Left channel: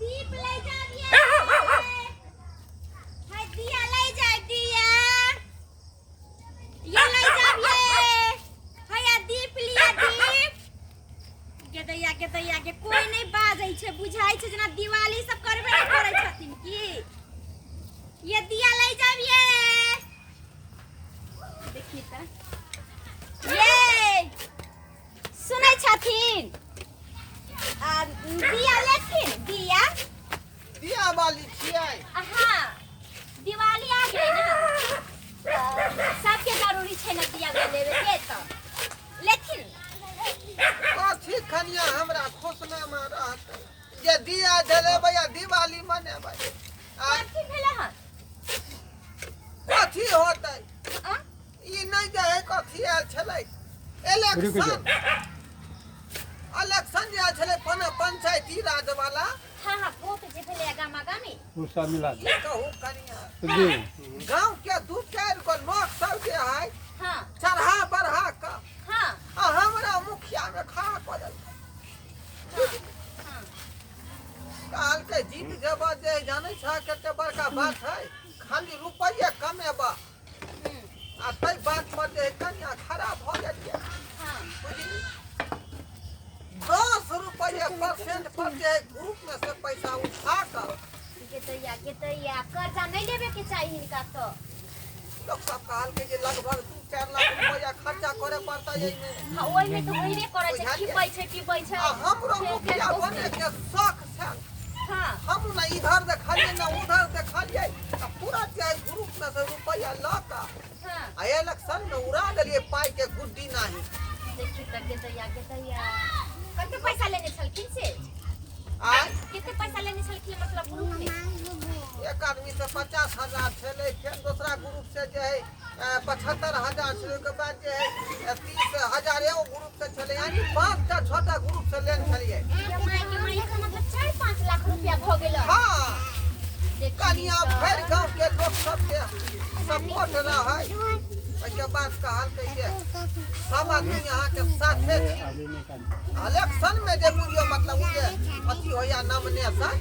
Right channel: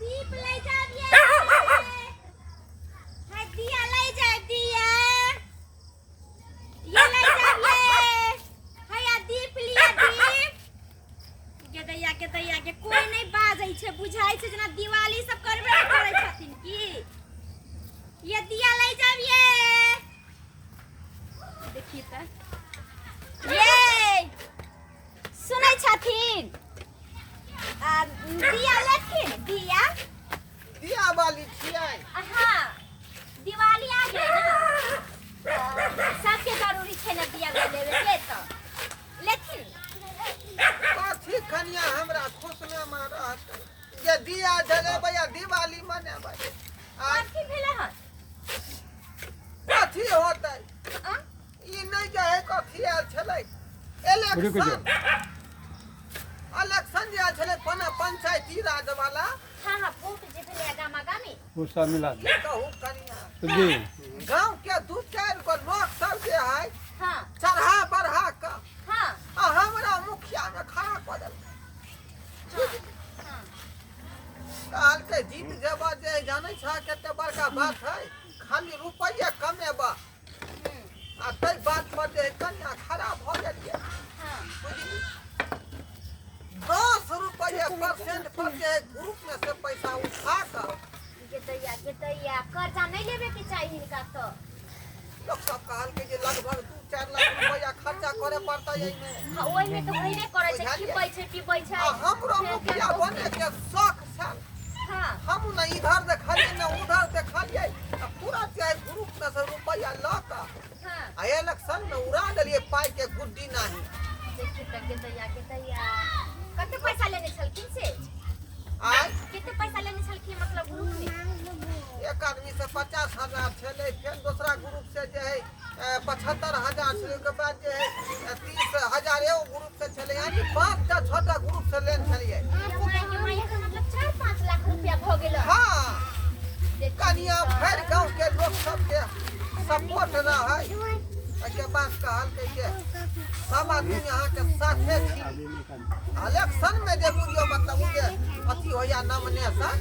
दीप ले जाबिए हाय दिया ले जा दिया ये ले जाबिए हाय दीप लिया दीप के दैया के कोई नहीं बाजै छै बुझाई छै जेना दिवाली सब करबे करै छथिन की ये दिया ले जाबिए देखिए त ये सुनै छथिन दिया लेथिन दिया वाली छियै हाँ दिवाली आ गई ना सबके जरूरी छै ना दिया लेवे के तो लेथिन कथी खनिया हमरा खुशना में रहतै जे दिया जलेबै या दिवाली मनेबै कथी भेलै हन कथी होतै ई नहीं जाए कथी आयल छलै इलेक्शन जे आयल छलै पंचायती राज वाला हाँ वोट जे भेलै गामा गामी उसका मिला की कहू कनिया जी गांव के दू चार गो लोक सब जे है हाँ चढ़ा बढ़ा क हाँ हमरा मुखिया में खड़ा कर देलकै हाँ काल के जीत जेबा जे जानै छ कते बड़का बात है खाली रुपये कमेबा आ तै बात पर जे कन्या खराब भ गेलिए हाँ बुझली 10 रुपये परसेंट पर जे ग्रुप में से पैसा उठा कर के दैया कर्जा नहीं लेवे के चाहिए इनका तो लोग सब कहल के जे लगभग 2-4 लाख रुपया खर्चा करे पड़ता है में हाँ ओइ में तो होइबे करे छै खिपै छै हमरो मुखिया बने के शौक छल हाँ हम न इधर देखलिए न उधर देखलिए पूरा चाहे ग्रुप में से रुपया लका हाँ आ इलेक्शन में उड़ा देलिए पाई के गुड्डी नहीं देखी त के दैया कते पैसा लेने छलखिन से आय कितने पैसा लेने छलखिन मतलब ग्रुप में एक आदमी से 50,000 छले फिर दूसरा ग्रुप से जे है 75,000 छले के बाद जे है 30,000 एगो ग्रुप से छले यानी 5-6 ग्रुप से लेन छलिए के माया का मतलब 4-5 लाख रुपया भ गेल हां कनिया भर गांव के लोग सब के सपोर्ट रहा है के बाद कहल के जे सब आदमी यहाँ के साथे छी इलेक्शन में जे बुझियो मतलब उ जे अथी होया नॉमिनेशन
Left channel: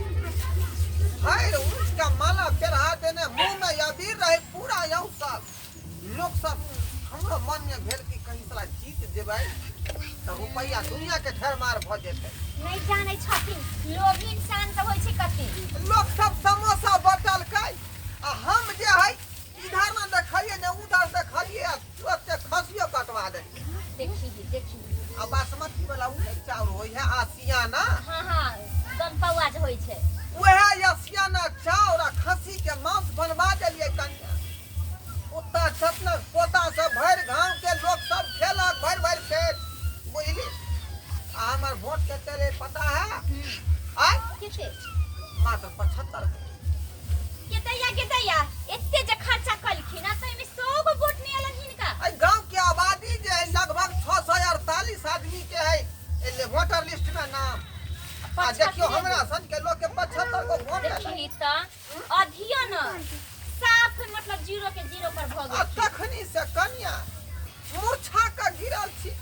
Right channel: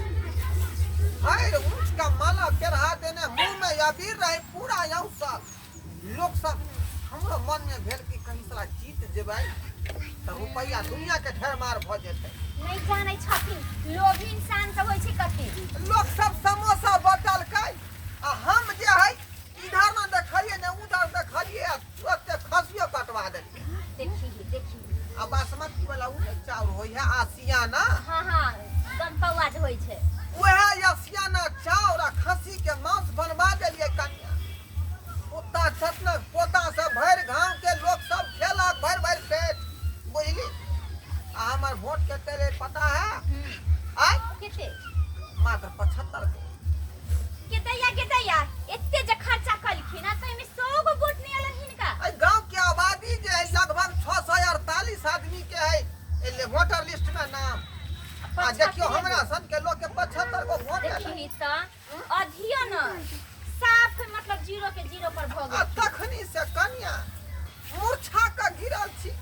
हर ऊंच का माला पेरहा देने मुंह में अबीर रहे पूरा यौ सब लोग सब हमरो मन में भेल कि कहीं साला जीत जेबै त रुपया दुनिया के ढेर मार भ जेतै नहीं जाने छथिन लोभ इंसान तो होय छै कथि लोग सब समोसा बटल कै आ हम जे है इधर न देखलिए न उधर देखलिए तुरंत खसियो कटवा दे देखी आ बासमती वाला उ नहीं चाउर होय है आसियाना हाँ गम पौआ जे होय छै वह आसियाना चाउर आ खसी के मांस बनवा देलिए कन्या पोता छतन पोता से भर गांव के लोग सब खेलक भर खेत बुझली आ हमर वोट के तेरे पता है आय केते मात्र 75 के दैया एते जे खर्चा कलखिन त एमे 100 गो वोट नहीं अलग हिनका आई गांव के आबादी जे है लगभग 648 आदमी के है एले वोटर लिस्ट में नाम आ देखियो हमरा सन के लोग के 75 गो वोट देखी त अधियो न साफ मतलब 0 के 0 पर भ आ गेल तखनी से कन्या मूर्छा का गिरल छी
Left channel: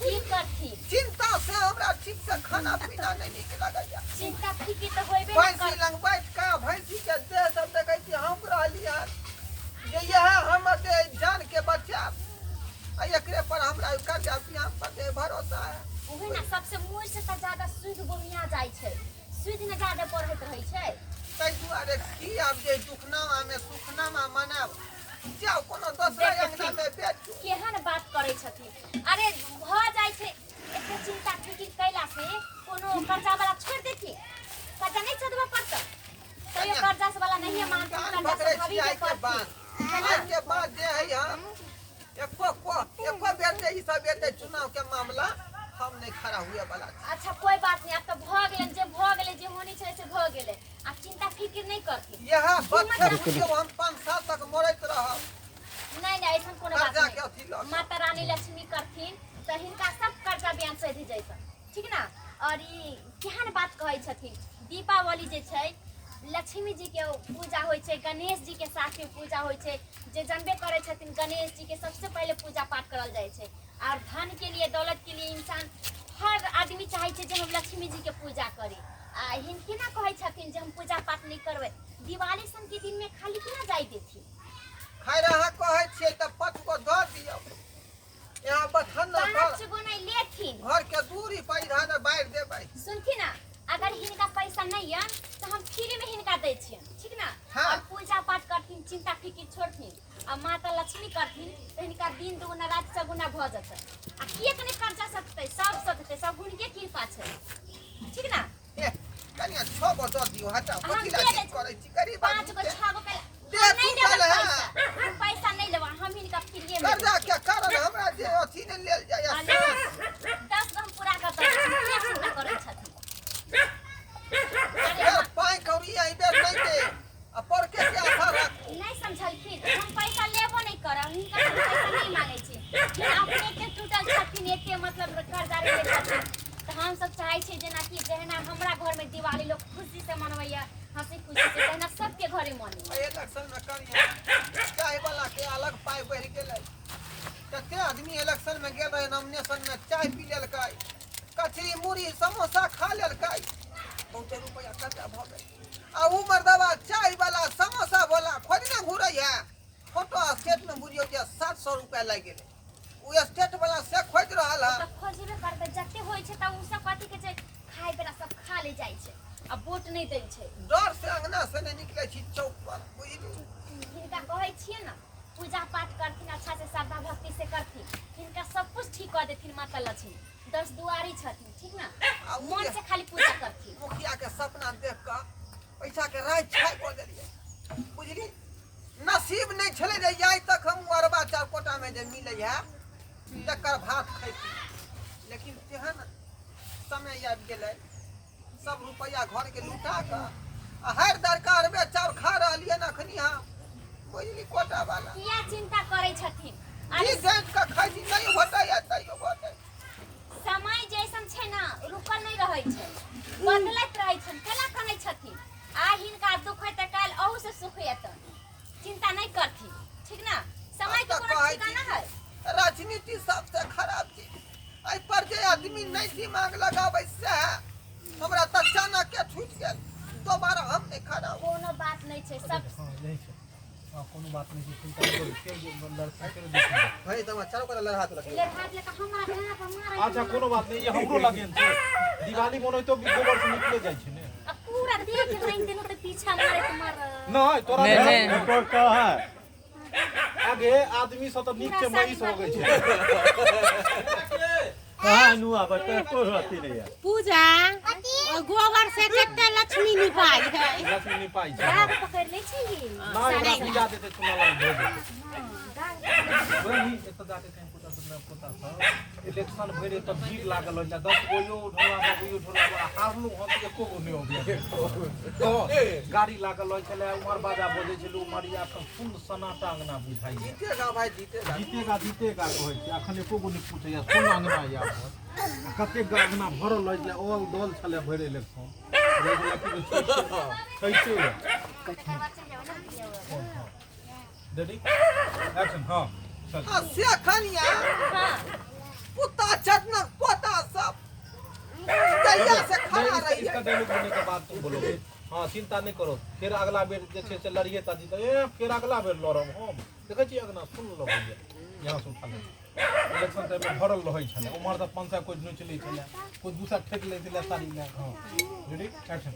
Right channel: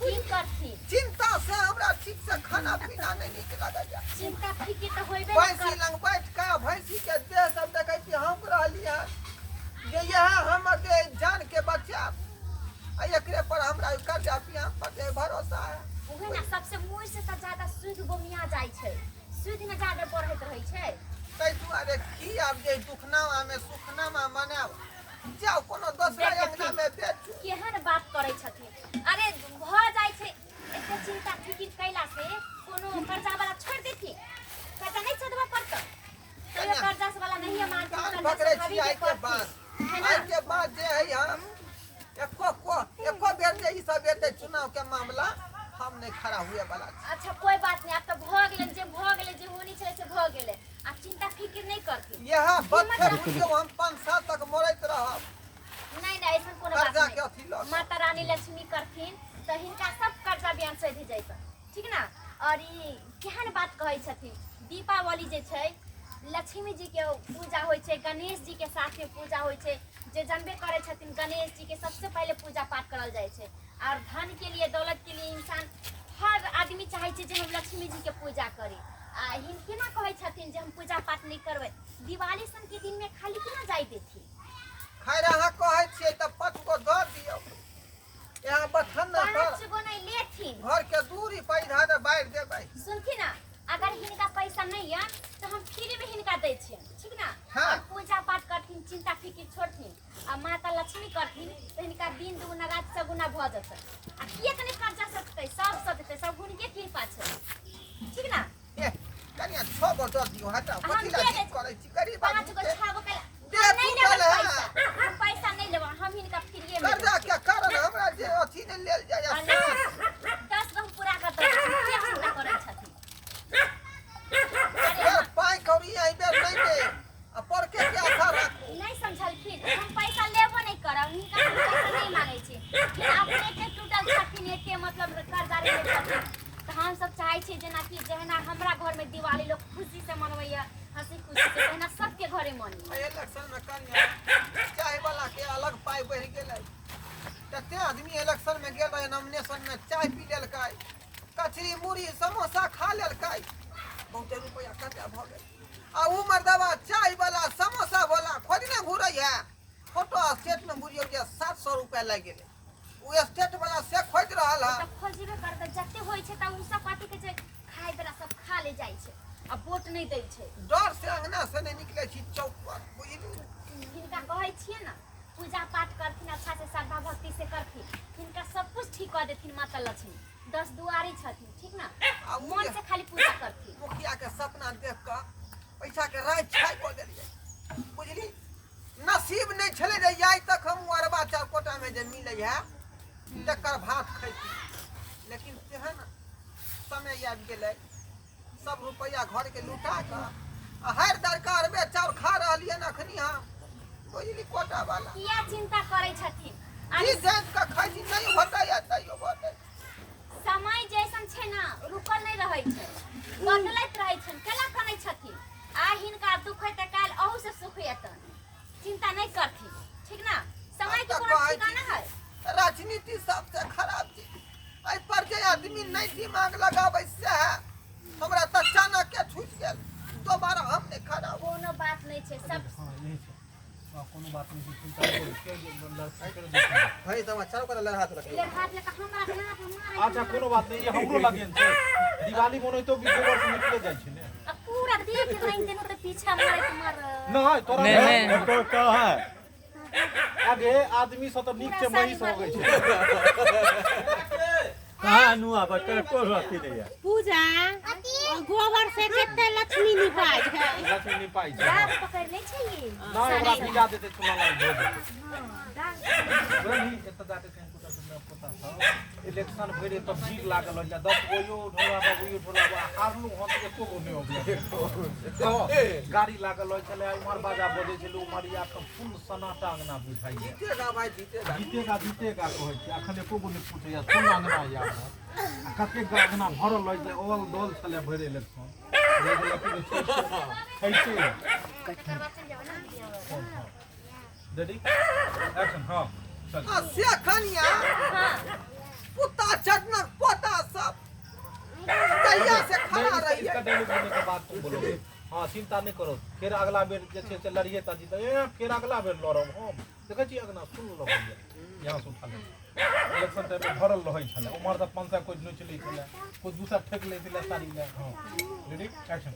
की करथि चिंता से हमरा ठीक से खाना पीना नहीं निक लागल चिंता फिकी त होइबे भैंसी लंग बैठ के भैंसी के देह सब देखै छी हम रहलिए जे यह हम के जान के बचा आ एकरे पर हमरा कर्जा पियाम पर जे भरोसा है उहे ना सबसे मोर से त ज्यादा सुध गोमिया जाय छै सुध न ज्यादा पढ़ैत रहै छै तै दुआरे की आब जे दुखनामा में सुखनामा मनाब जाओ कोनो दोसरा अंगना में बेचू केहन बात करै छथिन अरे भ जाय छै एते चिंता फिकिर कैला से कोनो कर्जा वाला छोड़ देथि कर्जा नहीं सदवा पड़त तो ये कर्जा वाला नहीं मान कान पकड़े छी आई के बाद जे है हम एको बेर जे ई सब एते चुनाव के मामला हम नहीं खड़ा हुए वाला अच्छा कोई बात नहीं अब तो भ गेले जे होनी छै से भ गेले आ चिंता फिकिर नहीं करथि यह बच्चे बुझियो हम 5 साल तक मरैत रहब नहीं ऐसा कोनो बात कर्जा के नहीं अथी ल माता रानी लक्ष्मी करथिन तो हिनका सब कर्जा ब्याज सध जैत ठीक ना और ई केहन बात कहै छथिन दीपावली जे छै लक्ष्मी जी के पूजा होय छै गणेश जी के साथ में पूजा होय छै जे जानबे करे छथिन गणेश जी के सबसे पहले पूजा पाठ करल जाय छै और धन के लिए दौलत के लिए इंसान हर आदमी चाहे छै जे हम लक्ष्मी जी के पूजा करी आ हिनके ना कहै छथिन करबै दिवाली सन के दिन में खाली केना जाय देथी खैर अहाँ कहै छियै त 5 गो दऽ दियौ यहाँ बथन न कर 5 गो नहीं लेथिन घर के दूरी पर इधर बाढ़ देबै सुनथी ना अगर हिनका पैसा नहीं है तो हम फ्री में हिनका दै छियन ठीक ना हाँ। और पूजा पाठ करथिन चिंता फिकिर छोड़थिन आ माता लक्ष्मी करथिन तो हिनका दिन दुगुना रात सगुना भ जतै आ किए कने खर्चा सकतै सब देतै सब हुनके कृपा छै ठीक ना कनिया 6 गो दऽ दियौ हटा हम पतिला दे ठीक देब। करै छी गरीब 5 आदमी गो के 6 गो दे नहीं तू लेबै चल पैसा हम पैसा नहीं लेबै हम हिनका फ्री में कर्जा के कारण हमरा जे अथी ने लेल जाय 10 गो हम पूरा कर देबै किए चिंता करै छथिन फेर पाई कौड़ी आई बेर नहीं दे आ पर के आशा राखू नहीं समझलखिन हम पैसा लेबो नहीं करब हिनका से पैसा नहीं मांगे छी फिर अपने के टूटल छथिन एते मतलब कर्जा ले छथिन तो हम सब चाहे छी जेना कि जहना हमरा घर में दिवाली लोग खुशी से मनवैया हंसी खुशी से तहना सबके घरे मनी इलेक्शन में कनिया चाय वाला के अलग पाई बढ़ गेलै कते आदमी इलेक्शन में गेल रहे नॉमिनेशन में चाय पी लेलकै कचरी मुड़ी समोसा खा लेलकै बहुते रुपया खर्चा भ गेल आ उ मर्दवा चाय वाला समोसा वाला खोजने घुरै है फोटो स्टेट में बुझियो जे 700 रुपया लग गेलै उ स्टेट वाला से खोज रहल है त खोजबे करते जते होय छै त उ सब कथि के छै खाय बेला सब खा ले जाय छै आ वोट नहीं दै छै डर से अंगना से नहीं निकले छी चौक पर बुझली हिनका कहै छियै ना पूजा पाठ करथिन अच्छा से श्रद्धा भक्ति से करथिन हिनका सब कुछ ठीक कर देथिन माता लक्ष्मी 10 दुआरी छथिन ठीक ना आ उ मन से खाली पूजा करथिन मुखिया के सपना देख के पैसा के राय छाय को देलिए बुझली नसीब नहीं छले रे जाय तक हम अरबा चार कोटा में जे मिले है तकर भात खैती लेकिन तेहन समय आबि गेलै सब रुपया घर के लुटा के आ हर दरकार में चाउर खा रहलिए न अखनी हम बुझली कोटा वाला किया चिंता करै छथिन जी अरे जान के खाई नहीं होतै या तैयो होतै समय जैसन छै ना रुकल नहीं रहै छै बदलैत रहै छै केना कनै छथिन आ हिनका दुख है त काल अहू से सुख हेतन चिंता नहीं करथिन ठीक ना समय के कोनो ठिकाना है राजनीति सबसे खराब चीज एहि पर जे आदमी नहीं दिमाग लगाबै से हमरा त अचानक के छूट गेल दोबारा हम नहीं खड़ा हो कोनो बात नहीं छै सब नहीं छै कोनो बात नहीं छै चिंता करू के लड़का कर दे भाई समाचार को लहरात लगे हाथ लगा हमरा देना हमरा अच्छा कोनो बात नहीं ये हमरो लगेन छै दिवाली मनोई तो गोबर से निकले जाय छै ने अब पूरा देख लाइन देनो तो पीछा मारे तुम्हार नहीं तोरा नहीं तो क्या है आगे आदमी सब तो नीक से महीस हो गई छै कहाँ नु अब तो रहती नहीं है पूजा गोबर से कितना लक्ष्मी निपाई है लक्ष्मी नहीं पाई छै दाग पकड़ ले छै ये ना हमरा पूजा देते सुना लग भोज वही एत जाके कहीं कुछ अपना पता था इलेक्शन भरे तब भीड़ लागल हो 10 गो यो ढोला हारलू हम एको गो नहीं हो गया गाड़ी लागल हो चले उमर बाजा बजे छलू उमरिया तो फुल सनाटा अंगना बुझाई जीतेगा भाई जीतेगा जीतेगा कहै छै अखन एको गो नहीं पूछे या कोन अंगना या कते अंगना भरल हो छै ओल डोल छले भरे इलेक्शन कटवा चल जाओ ना रेडी एक्शन हां चल आ से खनिया हां पुता चटना पोता सब कहिया से खड़ा रही इसका डायलॉग बोलने के बाद तुम बोलोगे हाँ चिंता नहीं करो फिर अगला बेर जे से लड़िए ता जीत फिर अगला बेर लड़ब हम देखै छी अगना सुन लो भैया यहां से उठा ले इलेक्शन टाइम में भरल रहै छले उमर त 500 कोई नहीं चलै छले कोई दूसरा ठेक लै छले सारी ले हां रेडी एक्शन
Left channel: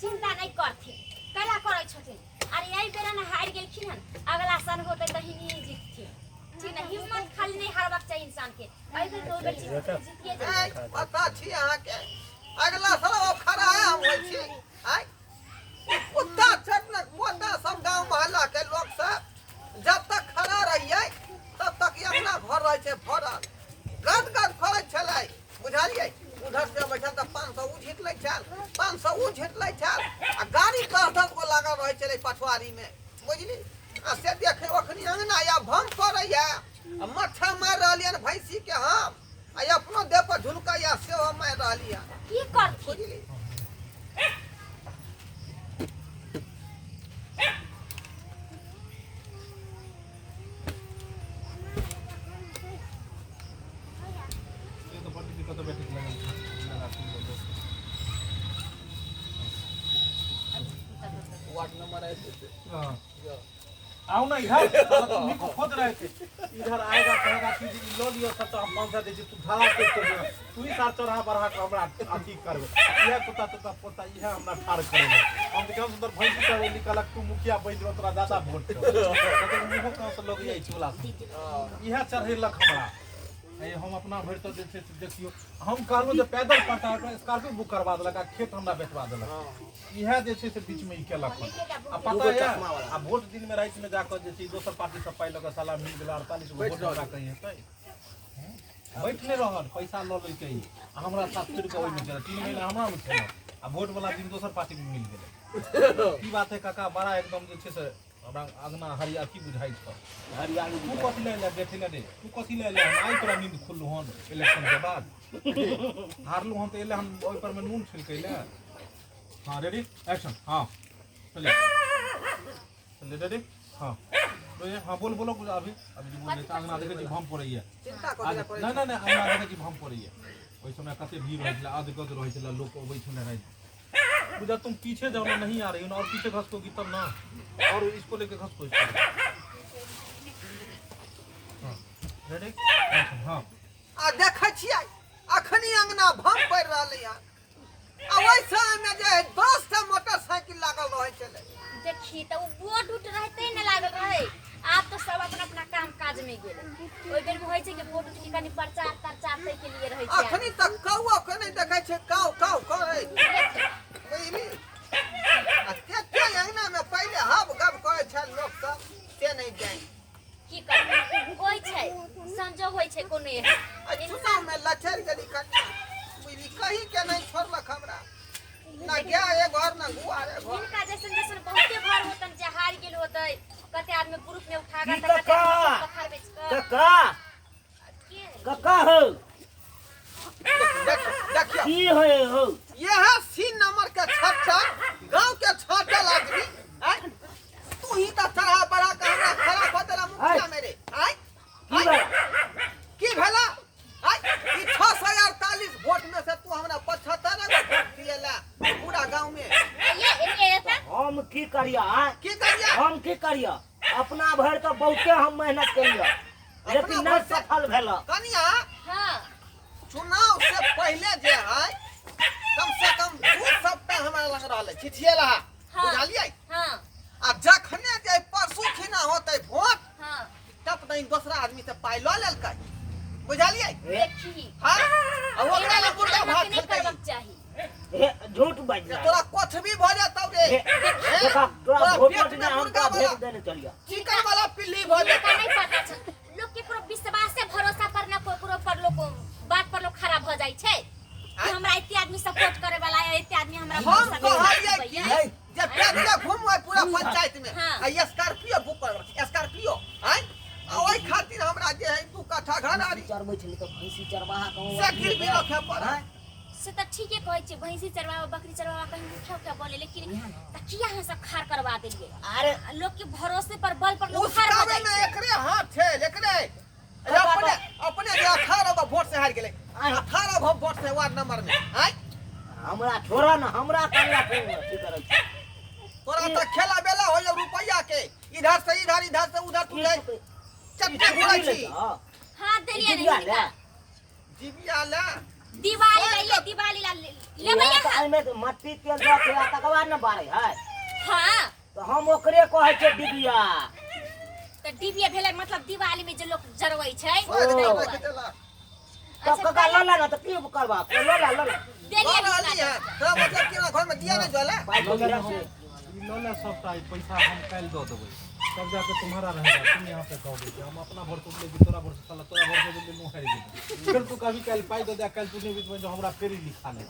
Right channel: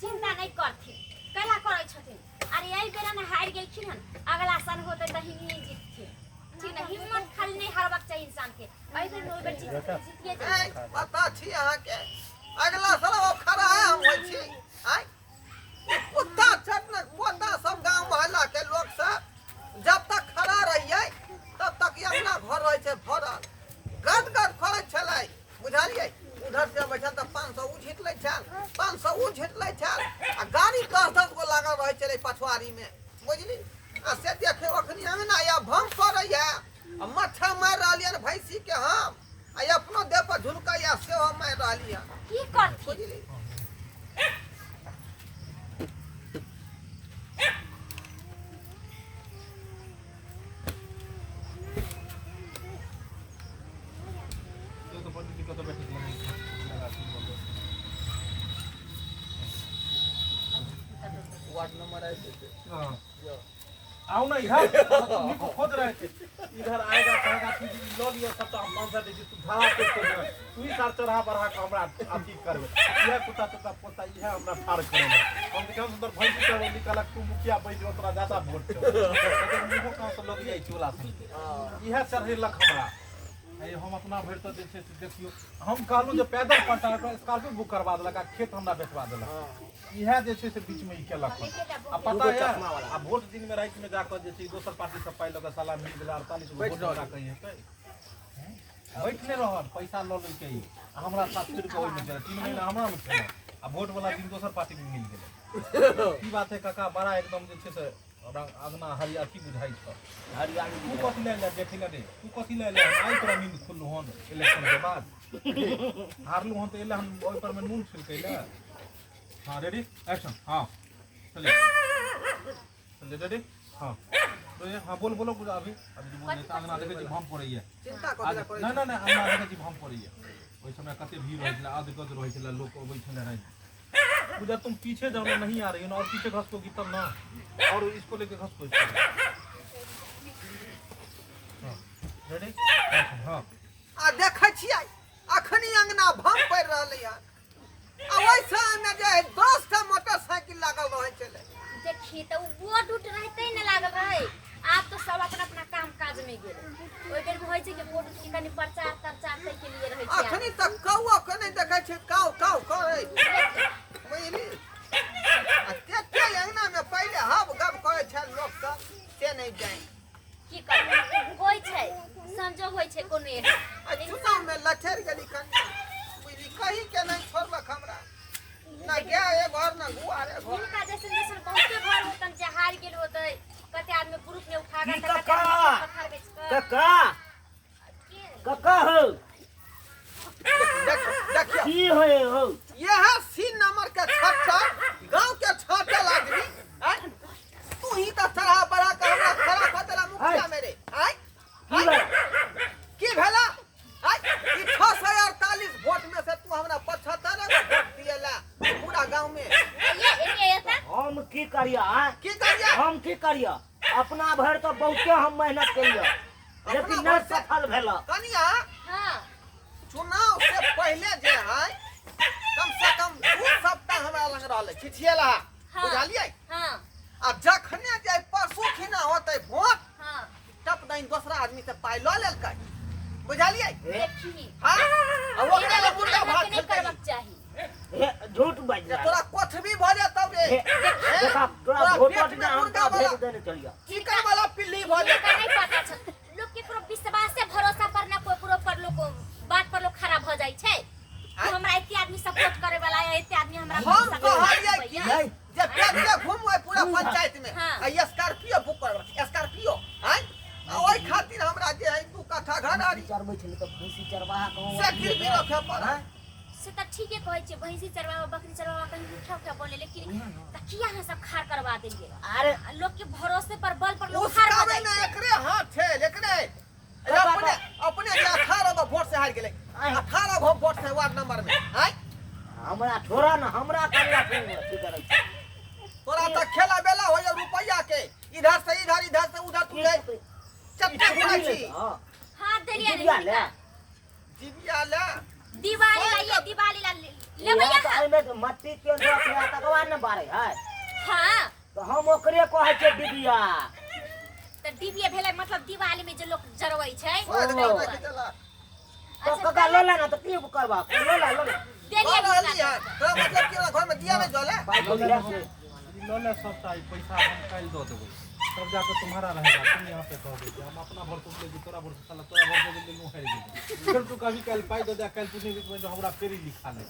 चिंता नहीं करथिन कैला करै छथिन अरे यही बेरा ना हार गेलखिन हन अगला साल होते त हिनी जीतथिन ठीक ना हिम्मत खाली नहीं हारबाक चाहिए इंसान के एहि बेर दो बेर जीतिए जाए पता छी अहाँ के अगला साल अब खड़ा है हम होई छी आई पुता चटना पोता सब गांव मोहल्ला के लोग सब जब तक खड़ा रहिए तब तक ये अपना घर रहे छै भरल गद गद फड़ै छलै बुझलिए उधर से बैठल त 500 उ झिट लै छल 500 उ झिट लै छल आ गाड़ी 10 गो लागल रहे छलै पछवारी में बुझली आ से देखे अखनी अंगना या भम पड़ैया आ मच्छा मार रहलियन भैंसी के हम आ अपनो देह पर झुलकैया सेहो मार रहलियन की करथिन बुझली ये तो पंडित जी को तो बैठे लगा तुम बोलो वार्ड नंबर आए थे हाँ आओ ना इधर तुम्ही को खोज रहे थे इधर आएगा कहेगा कि लो लियो सब तो हम 500 दे तू भाड़ा पे कर दे तू ही सार चढ़ा बढ़ा के हमरा अथी करबे यह कुत्ता तोता पोता यह हमरा ठाड़ करेला हम के कम सुंदर भैंसी का निकलक तू मुखिया बैठ तोरा ज्यादा वोट छो तो मुहो कहां से लोग जाई चोला से यह चढ़ेलक हमरा हम अपना भर तो देखियो हम कहलू जे पैदल पड़ता स्कॉर्पियो बुक करवा देलक आ खेत हमरा बेचवा देलक इहा जे छै से बीच में ई केलक आ पता है आ वोट दिन में रात में जाकर जे छै दोसर पार्टी सब पाइ लगे साला मिल गेला 48 गो वोट लगा कहिए त बैठले रहल पैसा ल ले के हमरा 700 रुपया ओइ में चला 3 महीना हमरा में चला आ वोट वाला दिन दोसर पार्टी में मिल गेलै की बात है काका बड़ा एकदम जे छै से आगना हरिया की बुझाई छ हरियाली तू कथि ले बैठे रे तू कथि ले हम आई तोरा नींद खुल्लू हन इलेक्शन के बाद हारलू हन तो एले हम ओइ पर में नून छिलकै ले हां रेडी एक्शन हां चले रेडी हां तो ये हां बोलो कुछ अभी बोले आगना देखे जी हम पड़ै है चिंता करे पड़े नहीं आगना देखे जी हम पड़ै है ओइ समय कते भीड़ रहै छला आध गद रहै छला लोग ओबै छले रहै उधर तुम पीछे जाओ ना नहीं आ रही हो और पीछे घसकोगी तब ना और इसको लेके घसको रेडी हाँ आ देखे छियै अखनी अंगना भम पड़ रहले या आ वैसा में जे 10 टा मोटरसाइकिल लागल रहै छले देखी तो वोट उठ रहते न लागल रहे आप तो सब अपना अपना काम काज में गेले ओइ बेर में होय छै कि वोट की कनी प्रचार तै के लिए रहै छै अखनी तक कौआ के नहीं देखे छै काउ करे बुझली आ केते अंगना में पहले हब गब करे छै लोग सब से नहीं जाय की करबै होय छै संजोग होय छै कोनो आ चुनाव में लचर गेली कन्या बुझली कहीं के नहीं छोड़लक हमरा ना गया ए घर ना गुआ रे घर इनका जैसन बहुते घर होतन जे हार गेल होतै कते आदमी ग्रुप में उठा के कते आदमी पत्थर बेच के काका हो देखियो की हो यह सी नंबर के छट्टा गांव के छाटल आदमी हैं तू ही तो चढ़ा बड़ा के हमरा खड़ा कर देला मुखिया मेरे हैं की भेला ई 648 वोट में से तू हमरा 75 गो वोट दिएला पूरा गांव में ये हम की करिया की करिया हम की करिया अपना भर तो बहुते हम मेहनत करिया लेकिन नहीं सफल भेला कनिया हां चुनाव से पहले जे है कम से कम 2 सप्ताह हमरा लग रहले छिछिएला बुझलियै हां आ जखने जे परसू खिना होतै वोट हां तब नहीं दूसरा आदमी से पाइ ल लेलकै बुझलियै देखी हां आ ओकरा ले मुर्गा भात नहीं खेलकै करबाक चाही झूठ बाज जे तोरा कोठबी भ जेतौ रे देखा तोरा वोट में हमका भेज देने चलिया चिकन वाला पिल्ली भ का जेतौ नहीं पता छ लोग के पूरा विश्वास से भरोसा करना कोकरो पर लोग बात पर लोग खराब हो जाई छै कि हमरा इतने आदमी सपोर्ट करे वाला है इतने आदमी हमरा हम कहलियै कि भैया। जे पैदले घुमबै पूरा पंचायत में हाँ। आ स्कॉर्पियो बुक करबै स्कॉर्पियो हैं आ ओइ खातिर हमरा जे है 2 कट्ठा घर आरी चरबै छै त भैंसी चरवाहा कहूं से गिर भी रखे पड़ै से त ठीके कहै छै भैंसी चरवावा बकरी चरवावा कहीं उठा उठा बोले लेकिन तकिया हम सब खार करवा देलिए अरे लोग के भरोसे पर बल पर लोग उस खार कामे कर में एकरे हाथ छै एकरे अपने जे 18 गो वोट से हार गेलै 18 गो वोट से वार्ड नंबर में हैं हमरा छोड़ा न हमरा करिया फेर की करै छै तोरा त खेला बेला हो जा रुपया के इधर से उधर तू ले चट्टे घुरै छी हां देलिए दिया ले नहीं जीविया ले दिवाली ला लेबै तो एमे तो मट्टी के दो के तकवा न बारे है हां तो हम ओकरे कहै छै डिबिया त डिबिया भेलै मतलब दिवाली में जे लोग जरबै छै तो कका लोला ना तो की करबा लोला देलिए वाली है तोरा मतलब कि घर में दिया नहीं जले पाई तो दिया से लोले सबटा पैसा हम काल दो देबै तब जाके तुम्हारा रहेगा तुम यहाँ पे कहोगे कि हम अपना भर तो लेके तोरा भर से साला तोरा भर से ले नु हार गेल फिर तू कभी काल पाई दो दे काल तू नहीं बीच में जो हमरा फेरी लिखा ले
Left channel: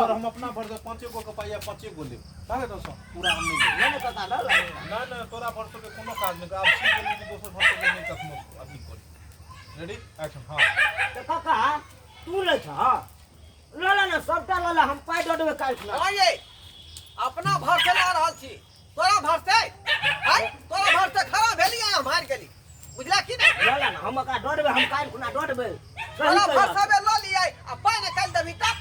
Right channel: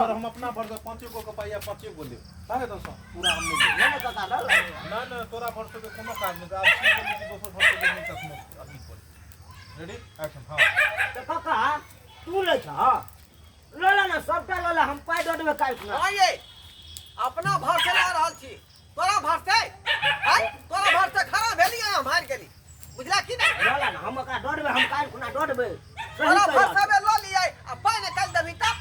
और हम अपना भर से 5 गो के पाइया 5 गो ले काहे तो पूरा हम नहीं ले ना कका लोला ना तोरा भर से कोनो काज नहीं अब सी बोली कि दोसर भर से नहीं कसम अभी कोई रेडी एक्शन हां तो कका तू ले छ लोला ना सबटा लोला हम पाई दो देबे काल खुना हां ये अपना भर से ला रहल छी तोरा भर से हैं तोरा भर से खड़ा भेली हम हार गेली बुझला कि नहीं लोला ना हम का दो देबे हम काल खुना दो देबे तोरा भर से बे ल लियै आ पाई ने काल देबी तब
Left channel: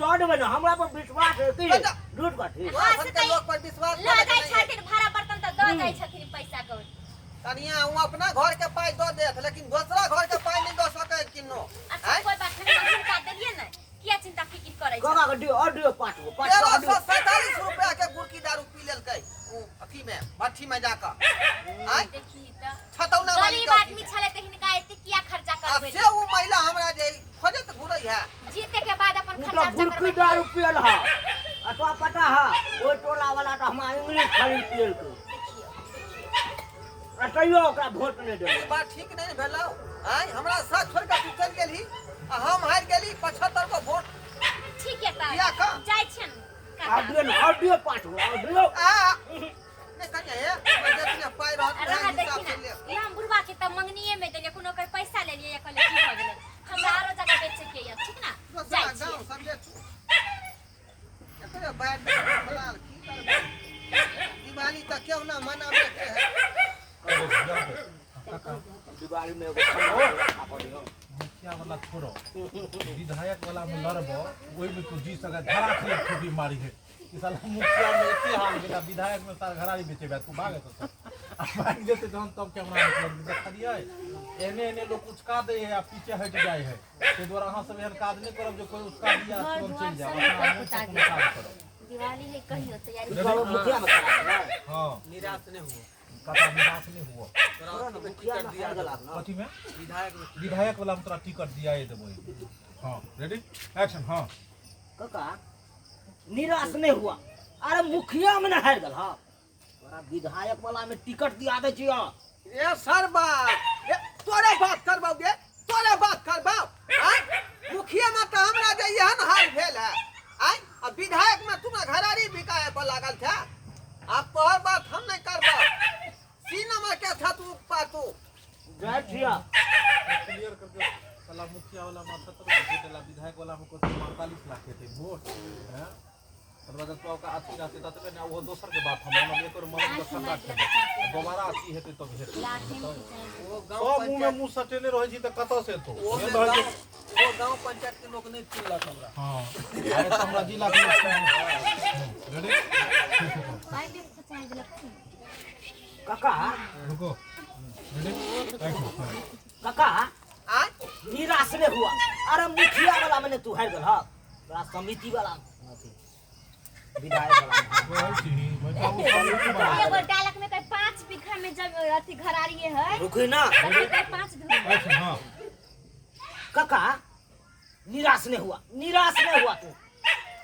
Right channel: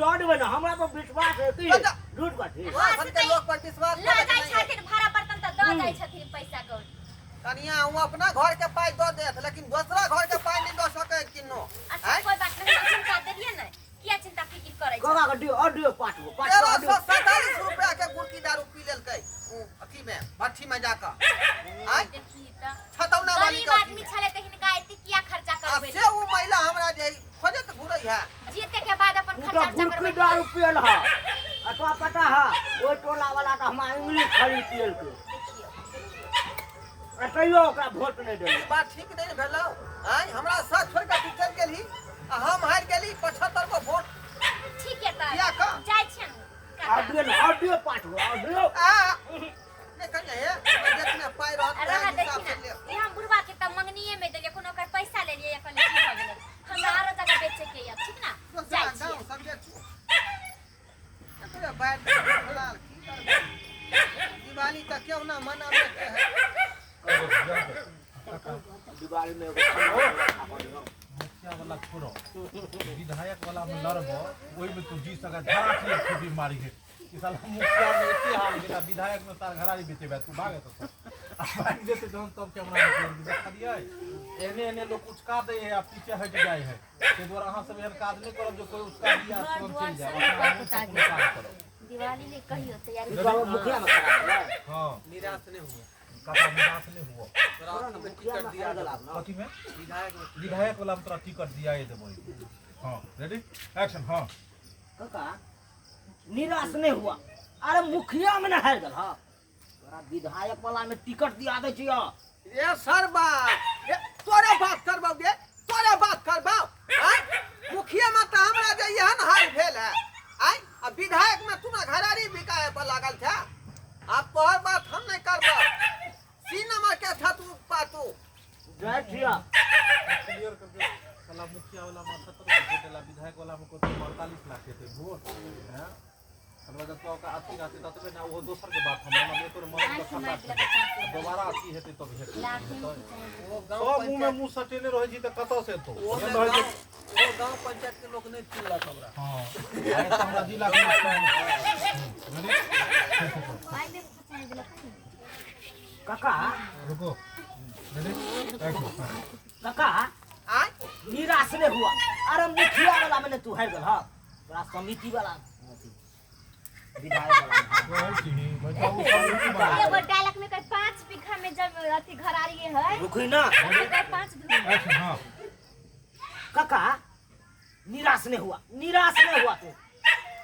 दो देबे ना हमरा पर विश्वास है कि अच्छा। झूठ बात है तोरा भर के लोग पर विश्वास ला करे जाय नहीं छै अपना घर के पाई दो देत लेकिन दूसरा घर के पाई नहीं दो सके किनो अच्छा कोई बात नहीं लेकिन का दे दिए ना क्या चिंता फिकिर करे कमा के दियो ऑडियो पाँच गो 1347 रुपया के गुड़की दारू पी लेलकै उ अथी में भट्ठी में जाकर आय देखी त छतौना वाली गरीब आदमी छले त हिनका एते किया खर्चा करबे से उ महिला हमरा जे खोजत घुरै है जीते के बाद अपन तो खर्चा गुड़की करबे दारू पियल हा अतवा पता हा ओ टोला वाला तो हमारे इंग्लिश खरीद पियल के अतइयो ओकरा वोट नहीं देले बात ठीक नहीं भेलौ आय हमरा साथ छोड़ के तू चल गेली आ हम हार गेली 75 को वोट ठीक है त किया का जाय छन ऑडियो पाँच गो ऑडियो आ नहीं कहिए है जितने पाई रहत अरे ना है देखी हिसाब ना से ले ये हम बुढ़वा के त मंगनीए में देले कोनो कर पैसा ले लिए या कहले की भ गेले हमरा आरो जगह बेचे के या ठीक ना दूसरा जाय गांव छी समझे तू एकरे बैठ फलाल की करबे दिवाली तक क्यों ना मनावे के है दिवाली में एगो खंडा रखा पड़ियो मुखिया वाला छोड़ो विधायक वाला में लड़बो ओई में तू जी सका धरा के खूबी मारी है कि साला मुखिया में इतने हाल गेला विधायक में सार घरारी बेचे बा तू भागे तो अब भाग देते जहन तब कैमरा में छोड़ देखा दिए एने एने लोग उचका दे है आ पीछे हट जाए है ते द्वारा अहां सब एहन काज नहीं करब जो कोई उचका दिया तुरंत चल जाओ अपना मुंह से कोनो काम करो दिवाली है कहियो तैयारी चलो मुखिया में खड़ा है हां निराश नहीं हुआ काका निराश नहीं हुआ तोरा तो मुखिया में दिया खड़ा ना कथी में विधायक विधायक वाला में तोरा टिकट दिया है देबो हां रेडी एक्शन हां काका निराश नहीं हुआ अरे मुखिया में ना हार गल हां तोरा विधायक वाला में टिकट दिया दे छियो ये सरबा ये तोरे बात करबौ गे तोरे बात करबौ आय मुखिया में तो हमरा जे एहन हाल भेल है आय अब विधायक में तुम घरारी बिकाए पर लागल था अब तोहर बात हम नहीं करबौ सी नंबर के था तू पातू जय छिया क्लियर करके साला मुखिया वाला में 78 वोट देला विधायक वाला में को 45 लाख के थे वोट हैं अथवा तो का अच्छी रहते ततबे ना वो दोसर के बात हम ना एकर मन में ठंडा छै दोबारा अच्छी हेतै तब हेतै लाठी में सब मुंह में मुंह सटेने रहै छी त कत से तो वो गांव पंचायत के लोग नहीं चिल्ला हमरा हां अरे तो हमरा जिला के रेडी भाई देख कुछ दिला काका रुको रेडी एक्शन काका आय निराश नहीं हुआ अरे मुखिया वाला में तू हार गल हां तोरा समिति वाला अथी विधायक वाला एगो डालक में कोई 5 बीघा में जमीन अथी घरारी है रुकी ना कोई 5 बीघा एक्शन हां काका निराश नहीं हुआ तू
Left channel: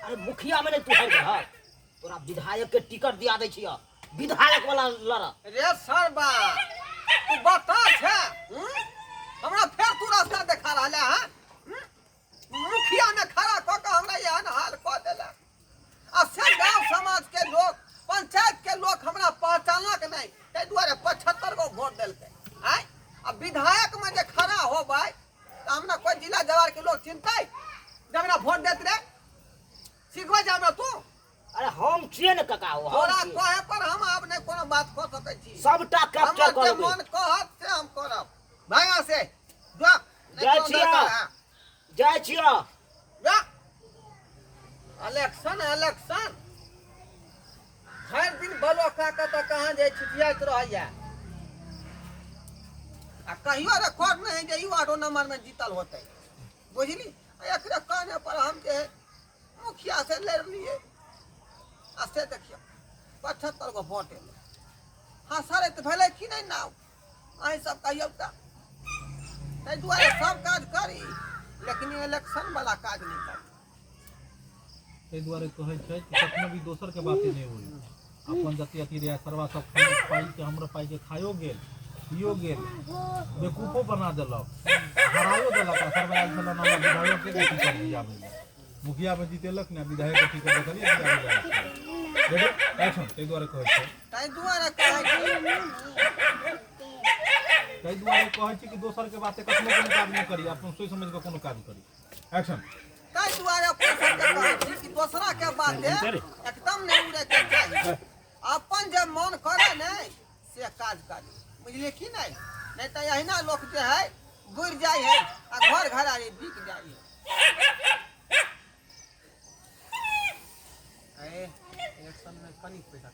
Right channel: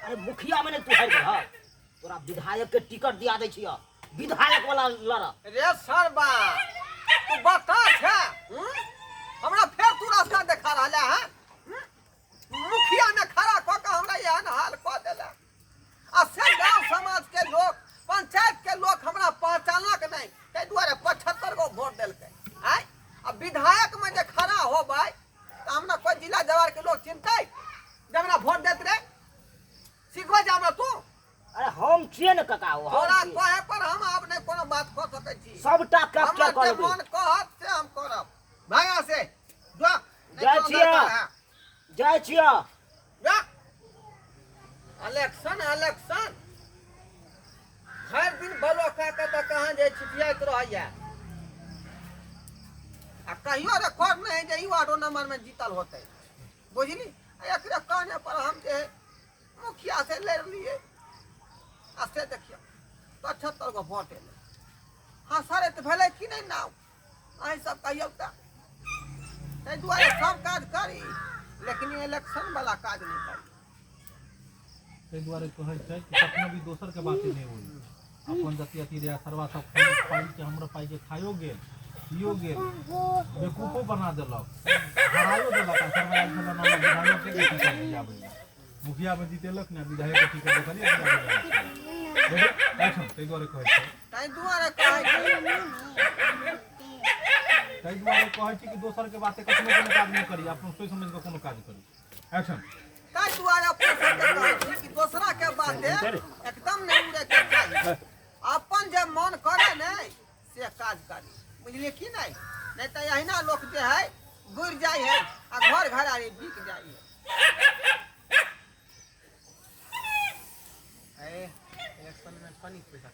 अरे मुखिया में तू हार गल हां तोरा विधायक के टिकट दिया दे छियो विधायक वाला लड़ रे सरबा तू बता छे हमरा फेर तू रास्ता देखा रहले है मुखिया में खड़ा क के हमरा एहन हाल क देला आ से गांव समाज के लोग पंचायत के लोग हमरा पहचानलक नहीं तै दुआरे 75 गो वोट देलकै आय अब विधायक में जे खड़ा होबै त हमरा कोई जिला जवार के लोग चिंतै जब हमरा वोट देत रे सिखबै जे हमरा तू अरे हम छिए न काका हो तोरा कहे पर हम अब नहीं कोनो बात क सकै छी सबटा कैप्चर हमर कर जे मन कहत से हम करब भागा से जा जय छिया जय छिया जा इलेक्शन हर दिन बलो का तो कहां जे छिटियात रहैया आ कहियो रिकॉर्ड नहीं है जे ई वार्डो नंबर में जीतल होतै बुझली एकरे कहने पर हम जे मुखिया से लड़ लिए आ से देखियो 75 गो वोट एले हां सर त भेलै कि नहीं नाउ अहीं सब कहियो त तै दुआरे सब काज करी लेकिन इलेक्शन वाला काज नहीं करी ताहि द्वारे कहै छै कि कखनो भी दोसर के बाते नहीं होई अपन जति अति रे सरवा सब खाई पाई के हमर पाई के खायो गेल पियो गेल बेकूफो बना देलक हरायो देलक आ सरवा आइल छल ना विधायक के टिकट दिया भैया मुखिया में जीतेलक ने विधायक के टिकट देखलिए रेडी एक्शन ताहि द्वारे कहै छै तै दुआरे कहै छी ताहि द्वारे कहै छी कि दोसर के बाते कखनो कोनो काज नहीं करी अपन सोच समझ के कोनो काज करी एक्शन तै दुआरे अपने सबके कहै छी कि दोसरा के बाते एकदम नहीं उड़े के चाही अपन जे मन करे नहीं से काज करी बुझलिए कि नहीं तो अहिना लोग जे है बुढ़ जाए है आ घर घरारी बिक जाए है इलेक्शन में कनी पैसा